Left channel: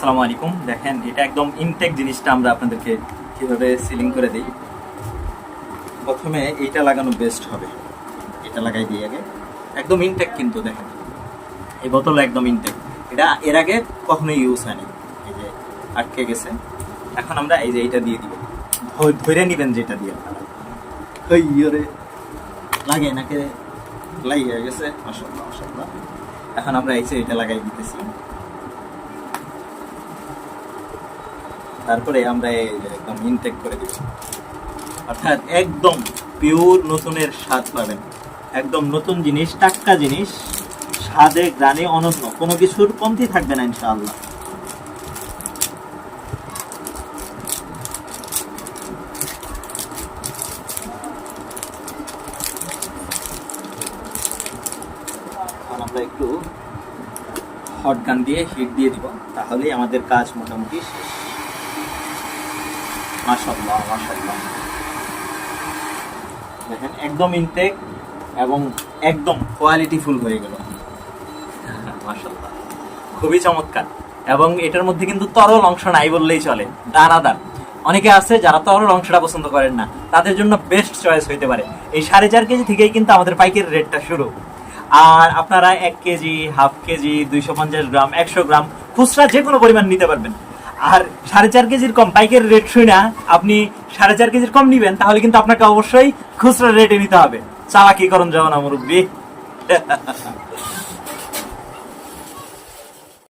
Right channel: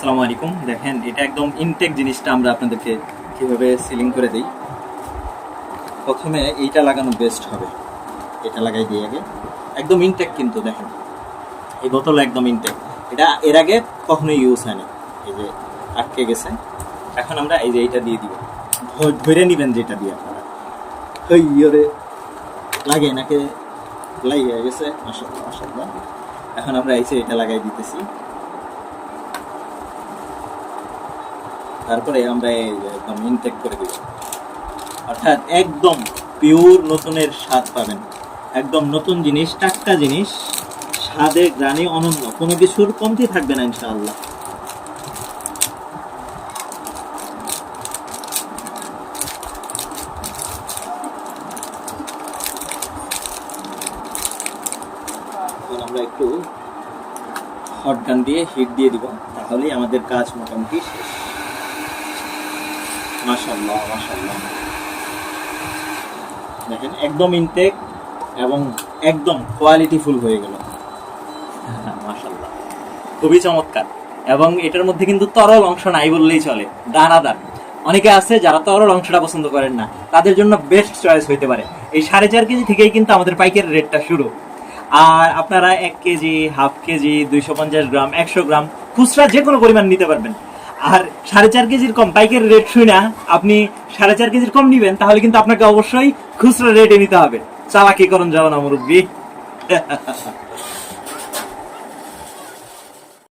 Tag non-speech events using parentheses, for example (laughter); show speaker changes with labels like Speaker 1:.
Speaker 1: আসসালামু আলাইকুম। দেখেন, এটা একদম ইনটেক জিনিসটা আমরা আপনাদেরকে কীভাবে সিলিং করে দিই। প্রথমে এইটা লাগানো বেস্ট হবে। এটা লাগাই দিয়ে আগে। একদম ইনটেক কিন্তু দেখেন। এই বোতল একদম ইনটেক এটা এর আগে কখনো ইউজ হয়নি। এই যে আটকে গেছে। এখন আমরা এই যে এইটা দিয়ে দিব। ধরে নিবেন যেটা দিয়ে ওই ইয়ে লাগে নাকি? লাগিয়ে গেছে। এখন আমরা এই যে এটা লাগাই দিতেছি। তারপরে আমরা একদম ইনটেক করে দিব। অর্থাৎ একদম পিওর নতুনের স্বাদ পাবেন। একদম নতুন জিনিস, টাটকা জিনিস, স্বাদে গ্রানে অনন্য, কোনো কিছুর কমতি থাকবে না ইনশাআল্লাহ। একটু হট গান দিয়ে হিট দিয়ে দিব, তাহলেই আমাদের কাজ মোটামুটি শেষ। মাশাআল্লাহ মাশাআল্লাহ। দেখেন, একদম ইনটেক এবং একদম কোয়ালিটিফুল হয়ে গেল। (laughs) মাশাআল্লাহ। খুবই চমৎকার। এবং এটার মধ্যে কিন্তু তরল অংশ নাই বললেই চলে, দানাদার। অনেকে আছে যারা তরল অংশটা পছন্দ করেন না, তাদের জন্য বেস্ট চয়েস হইতে পারে। এই সাড়ে চার কেজি থেকেই কিন্তু আমাদের পাইকারি রেটটা শুরু। আর আপনারা এক কেজি, হাফ কেজি, দুইশো পঞ্চাশ গ্রাম, একশো গ্রাম, খুচরা যে কোনো পরিমাণ নিতে পারবেন। আর সাড়ে চার কেজির কম বাইকের রেট শুনে আপনি সাড়ে চার কেজির কম নিবেন, তাহলে কিন্তু আপনাকে অবশ্যই খুচরা রেটে নিতে হবে। চালাকি করণ না, মুরব্বী। (laughs)